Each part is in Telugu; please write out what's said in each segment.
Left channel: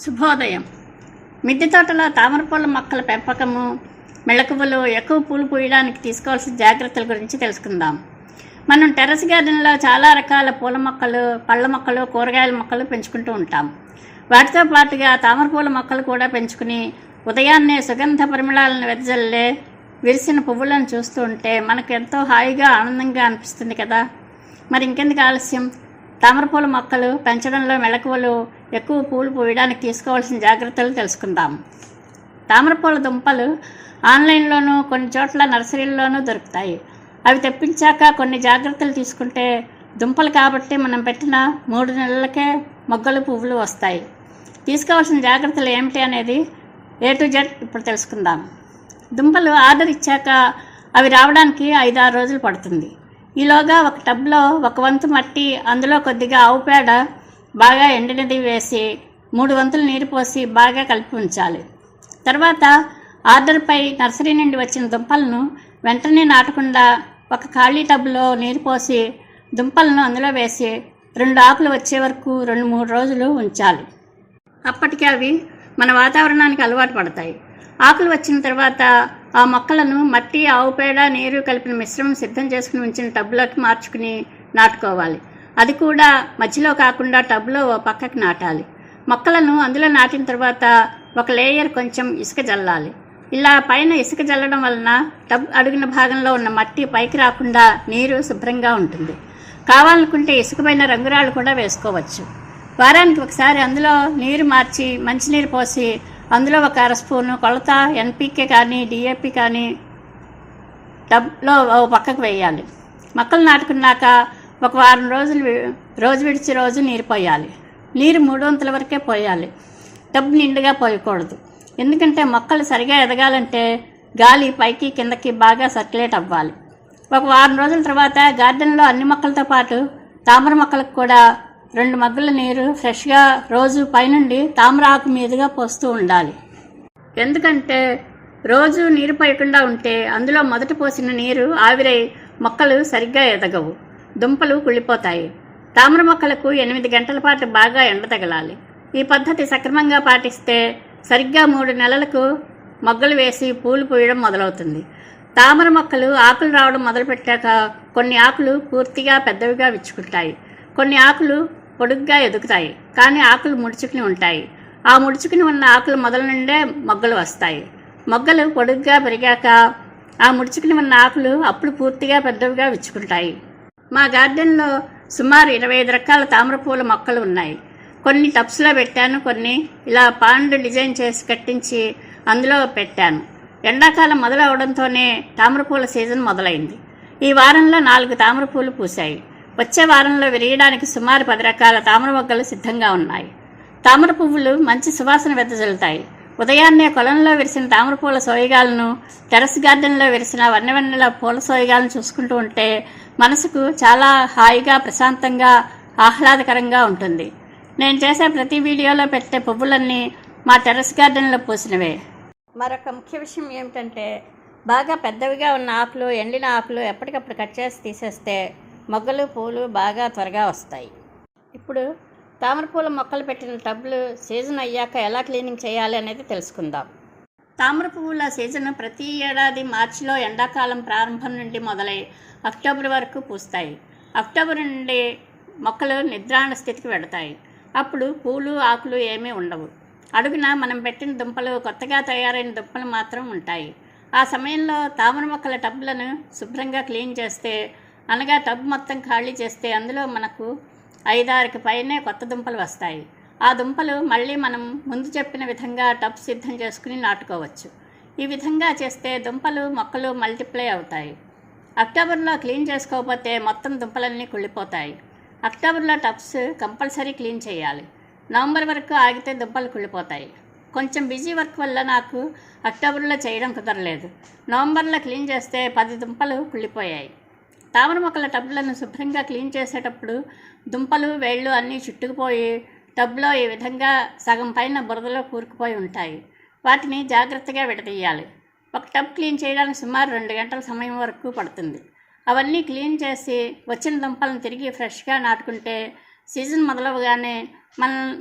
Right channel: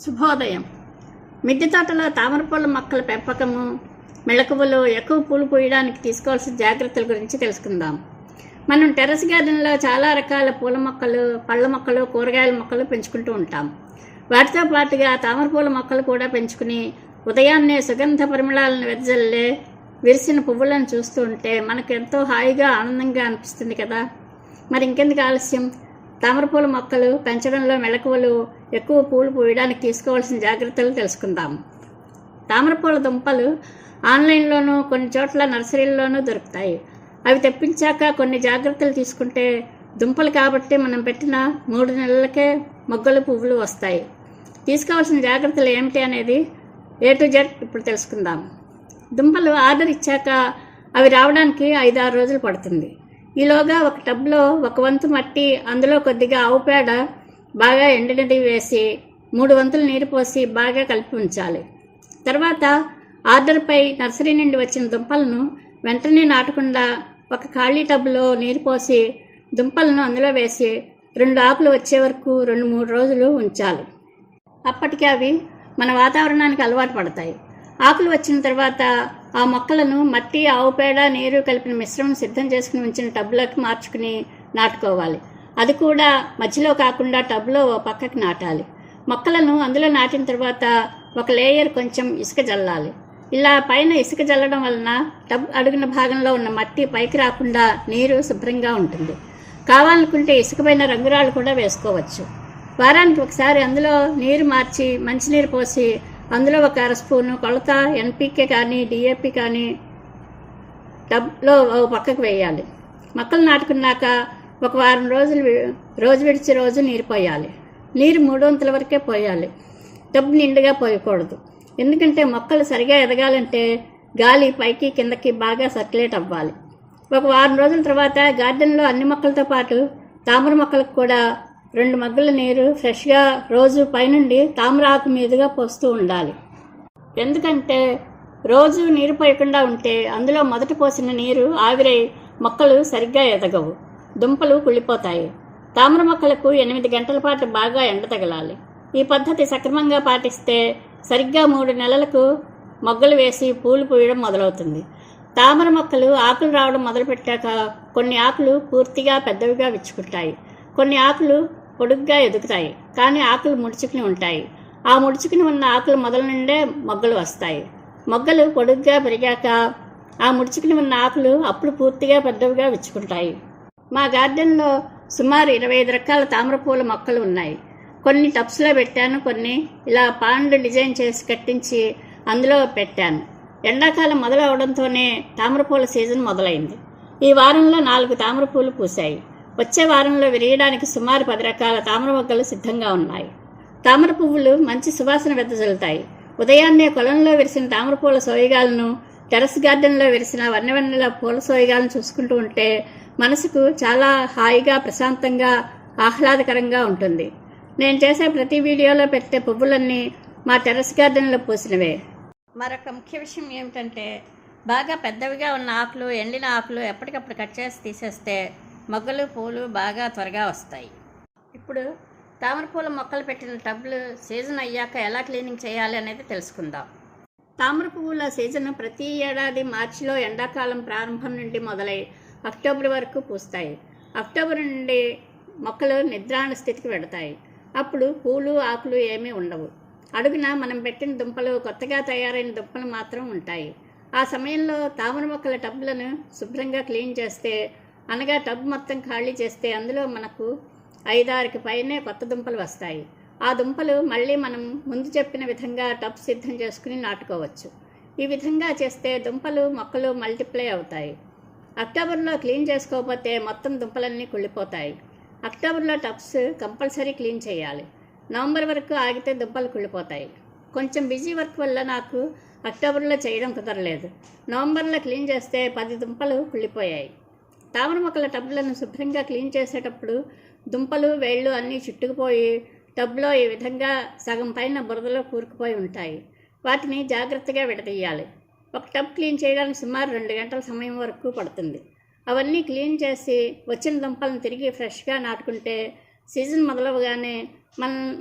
శుభోదయం. మిద్దె తోటలో తామరపూల మొక్కల పెంపకము, మెళకువలు, ఎక్కువ పూలు పూయడానికి తీసుకోవాల్సిన జాగ్రత్తల గురించి తెలుసుకుందాం. మనం టెర్రస్ గార్డెన్లో చాలా రకాల పూల మొక్కలు, పళ్ళ మొక్కలు, కూరగాయల మొక్కలు పెంచుకుంటూ ఉంటాం. వాటితో పాటుగా తామరపూల మొక్కలు కూడా పెంచుకుని ఉదయాన్నే సుగంధ పరిమళాలను వెదజల్లే విరిసిన పువ్వులను చూస్తూ ఉంటే మనకు ఎంతో హాయిగా, ఆనందంగా అనిపిస్తుంది కదా. మరి ఇంకెందుకు ఆలస్యం, తామరపూల మొక్కలు పెంచడంలో మెళకువలు, ఎక్కువ పూలు పూయడానికి తీసుకోవాల్సిన జాగ్రత్తలు తెలుసుకుందాం. తామరపూల దుంపలు ఆన్లైన్లోనూ కొన్ని చోట్ల నర్సరీల్లోనూ దొరుకుతాయి. అవి తెప్పించాక కొన్ని జాగ్రత్తలు తీసుకుంటే దుంపలు కాబట్టి మనం పెట్టిన 3 నెలలకే మొగ్గలు, పువ్వులు వస్తాయి. తీసుకోవాల్సిన జాగ్రత్తలు ఏమిటి అనేది A to Z ఇప్పుడు తెలుసుకుందాం. దుంపలు ఆర్డర్ ఇచ్చాక అవి రావడానికి 5-6 రోజులు పడుతుంది. ఈలోగా ఒక టబ్లో 1 వంతు మట్టి, అందులో కొద్దిగా ఆవు పేడ బాగా ఎండినది వేసి 3 వంతులు నీరు పోసి బాగా కలిపి ఉంచాలి. తర్వాత ఆర్డర్పై నర్సరీ నుండి వచ్చిన దుంపలను వెంటనే నాటకుండా ఒక ఖాళీ టబ్లో నీరు పోసి దుంపలను అందులో వేసి 2 ఆకులు వచ్చే వరకు 2-3 రోజులు ఉంచాలి. అప్పటికి అవి మన వాతావరణానికి అలవాటు పడతాయి. ఆకులు వచ్చిన తర్వాత ఆ మొక్కలను మట్టి, ఆవు పేడ, నీరు కలిపిన మిశ్రమం సిద్ధం చేసుకుని ఉంచిన టబ్లోకి మార్చుకుని నాటుకోవాలి. అది కూడా మధ్యలో కాకుండా టబ్లో ఓ పక్కకి నాటాలి. మొక్కలను అందులో నాటిన తర్వాత ఒక లేయర్ కొంచెం ఇసుక జల్లాలి. ఇలా పైన ఇసుక జల్లడం వలన టబ్ అడుగున భాగంలో ఉన్న మట్టి పైకి రాకుండా నీరు శుభ్రంగా ఉంటుంది. కావాలనుకుంటే ఇసుక పైన రంగురాళ్ళు కూడా వేసుకోవచ్చు. వారానికి ఒకసారి అందులో నీరు మార్చి మంచినీరు పోసి అందులో 1 అర స్పూను కొలత NPK కానీ DAP కానీ టబ్లో పక్కకు వేయాలి. మొక్కలు నాటుకున్నాక 1 వారం రోజులు రోజు విడిచి రోజు నీరు పోయాలి. నీరు 3 వంతుల వరకే పోయాలి. టబ్ నిండుగా పోయకూడదు. ఎందుకంటే మొక్కలు సరిగా ఎదగాలంటే గాలి పైకి కిందకి బాగా సర్క్యులేట్ అవ్వాలి. 1 వారం రోజుల తర్వాత గార్డెన్లో అన్ని మొక్కలతో పాటు తామర మొక్కలకు కూడా 2 మగ్గుల నీరు ఫ్రెష్గా రోజు పైనుండి తామర ఆకు మీదుగా పోస్తూ ఉండాలి. ఎందుకంటే రోజు నీరు పోయకుండా ఉంటే అందులో మొదట పోసిన నీరు ఆవిరై మొక్కలు సరిగ్గా ఎదగవు, దుంపలు కుళ్ళిపోతాయి. తామర మొక్కలకు 8 గంటల పాటు బాగా ఎండ తగలాలి. ఈ పద్ధతి సక్రమంగా పాటిస్తే సరిగ్గా 3 నెలలకు మొగ్గలు వేసి పూలు పూయడం మొదలవుతుంది. తామర మొక్కలు ఆకులు రావడం మొదలుపెట్టాక కొన్ని ఆకులు పూర్తిగా పెద్దవిగా విచ్చుకుంటాయి. కొన్ని ఆకులు పొడుగ్గా ఎదుగుతాయి, కానీ ఆకులు ముడుచుకుని ఉంటాయి. ఆ ముడుచుకుని ఉన్న ఆకులు మొదల నుండే మొగ్గలు వస్తాయి. మొగ్గలు పొడుగ్గా పెరిగాక ఆ ముడుచుకుని ఉన్న ఆకులు అప్పుడు పూర్తిగా పెద్దవిగా విచ్చుకుంటాయి. మా గార్డెన్లో సుమారు 25 రకాల తామరపూల మొక్కలు ఉన్నాయి. కొన్ని టబ్స్లో పెట్టాను, కొన్ని ఇలా పాండ్ డిజైన్ చేసి కట్టించి అందులో పెట్టాను. ఎండాకాలం మొదలవడంతోనే తామరపూల సీజన్ మొదలైంది. ఈ వారంలో 4 తామరపూలు పూసాయి. వచ్చే వారంలో విరియడానికి సుమారు 10 రకాల తామర మొగ్గలు సిద్ధంగా ఉన్నాయి. తామర పువ్వులు మంచి సువాసన వెదజల్లుతాయి. ఉదయాన్నే పొలంలో విరిసిన తామరపూల సోయగాలను, టెర్రస్ గార్డెన్లో విరిసిన వన్నెల పూల సోయగాలను చూసుకుంటూ ఉంటే మనసుకు చాలా హాయిగా, ప్రశాంతంగా, ఆహ్లాదకరంగా ఉంటుంది. నేను చేసే ప్రతి వీడియోలో పెట్టే పువ్వులన్నీ మా టెర్రస్ గార్డెన్లో పూసినవే. మరొక ముఖ్య విషయం ఏమిటంటే బాగా పెద్దవిగా ఉన్న ఆకులు, ఎండిన ఆకులు ఎప్పటికప్పుడు కట్ చేసి తీసేస్తే మొగ్గలు, పూలు బాగా త్వరగా వస్తాయి. ఇప్పుడు తామరపూల మొక్కలు పెట్టిన టబ్లు సీజన్ అయ్యాక ఎలా క్లీనింగ్ చేయాలి అనేది తెలుసుకుందాం. తామర పువ్వుల సీజన్ ప్రతి ఏడాది మార్చిలో ఎండాకాలం ప్రారంభం నుండి మొదలై అక్టోబర్ వరకు పూస్తాయి. అక్టోబర్ నుండి మొక్కలు నిద్రాణ స్థితికి వెడతాయి. అప్పుడు పూలు, ఆకులు ఏమీ ఉండవు. అడుగున మనం పెట్టిన దుంపలు, కొత్తగా తయారైన దుంపలు మాత్రం ఉంటాయి. ఆ సమయంలో తామర మొక్కల టబ్లను శుభ్రంగా క్లీన్ చేస్తే, అనగా టబ్ మొత్తం ఖాళీ చేస్తే అందులో మనకు 5-6కి పైనే కొత్త దుంపలు వస్తాయి. ఆ దుంపలు మళ్ళీ మనం ముందు చెప్పిన విధంగా టబ్ సిద్ధం చేసుకుని నాటుకోవచ్చు. ఈ విధంగా చేస్తే దుంపలు, మొక్కలు మల్టిప్లై అవుతాయి. అక్టోబర్లో క్లీన్ చేసుకోకపోతే మొత్తం దుంపలన్నీ కుళ్ళిపోతాయి. అక్టోబర్లో టబ్స్ కంపల్సరీ క్లీన్ చేయాలి. నవంబర్ వరకు ఆగితే దుంపలు కుళ్ళిపోతాయి. కొంచెం బిజీ వర్క్ వల్ల నాకు అక్టోబర్లో చేయడం కుదరలేదు. నవంబర్లో క్లీన్ చేస్తే 10 దుంపలు కుళ్ళిపోయాయి. తామర మొక్కల టబ్లను శుభ్రంగా క్లీన్ చేసేటప్పుడు దుంపలు, వేళ్ళు అన్నీ చుట్టుకుపోయి టబ్లో ఈ విధంగా సగం పైన బురదలో కూరుకుపోయి ఉంటాయి. వాటిని జాగ్రత్తగా విడదీయాలి. ఒక టబ్ క్లీన్ చేయడానికి సుమారు 2 గంటల సమయం వరకు పడుతుంది. అవన్నీ క్లీన్ చేసి వచ్చిన దుంపలను తిరిగి ఫ్రెష్గా నాటుకుంటే సీజన్ మొదలవగానే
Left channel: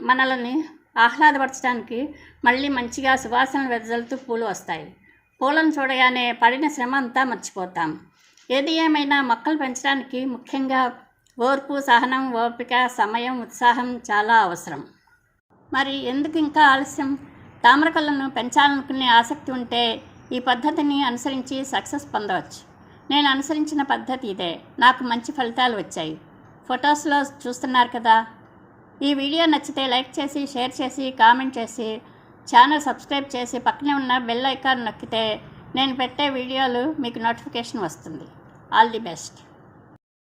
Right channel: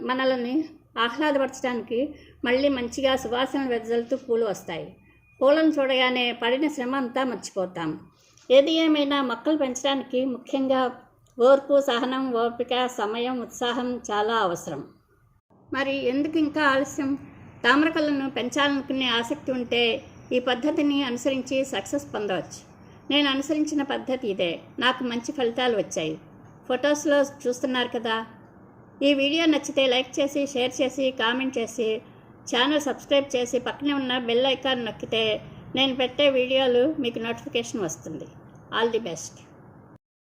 మనల్ని ఆహ్లాదపరచడానికి మళ్ళీ మంచిగా సువాసనలు వెదజల్లుతూ పూలు వస్తాయి. పూలను చూడగానే పడిన శ్రమ అంతా మర్చిపోతాం. ఏది ఏమైనా మొక్కలు పెంచడానికి ముఖ్యంగా ఓర్పు, సహనం, ఓపిక, సమయం, ఉత్సాహం చాలా అవసరం. మరి ఎందుకు ఇంకా ఆలస్యం? తామరకొలను పెంచాలనుకునే ఆసక్తి ఉంటే ఈ పద్ధతిని అనుసరించి సక్సెస్ పొందవచ్చు. నేను అనుసరించిన పద్ధతి ఇదే. నాకు మంచి ఫలితాలు వచ్చాయి. ఫొటోస్లో చూస్తున్నారు కదా. ఈ వీడియో నచ్చితే లైక్ చేసి, షేర్ చేసి, కామెంట్ చేసి, ఛానల్ సబ్స్క్రైబ్ చేసి పక్కనే ఉన్న బెల్ ఐకాన్ నొక్కితే నేను పెట్టే వీడియోలు మీకు నోటిఫికేషన్ వస్తుంది. All the best.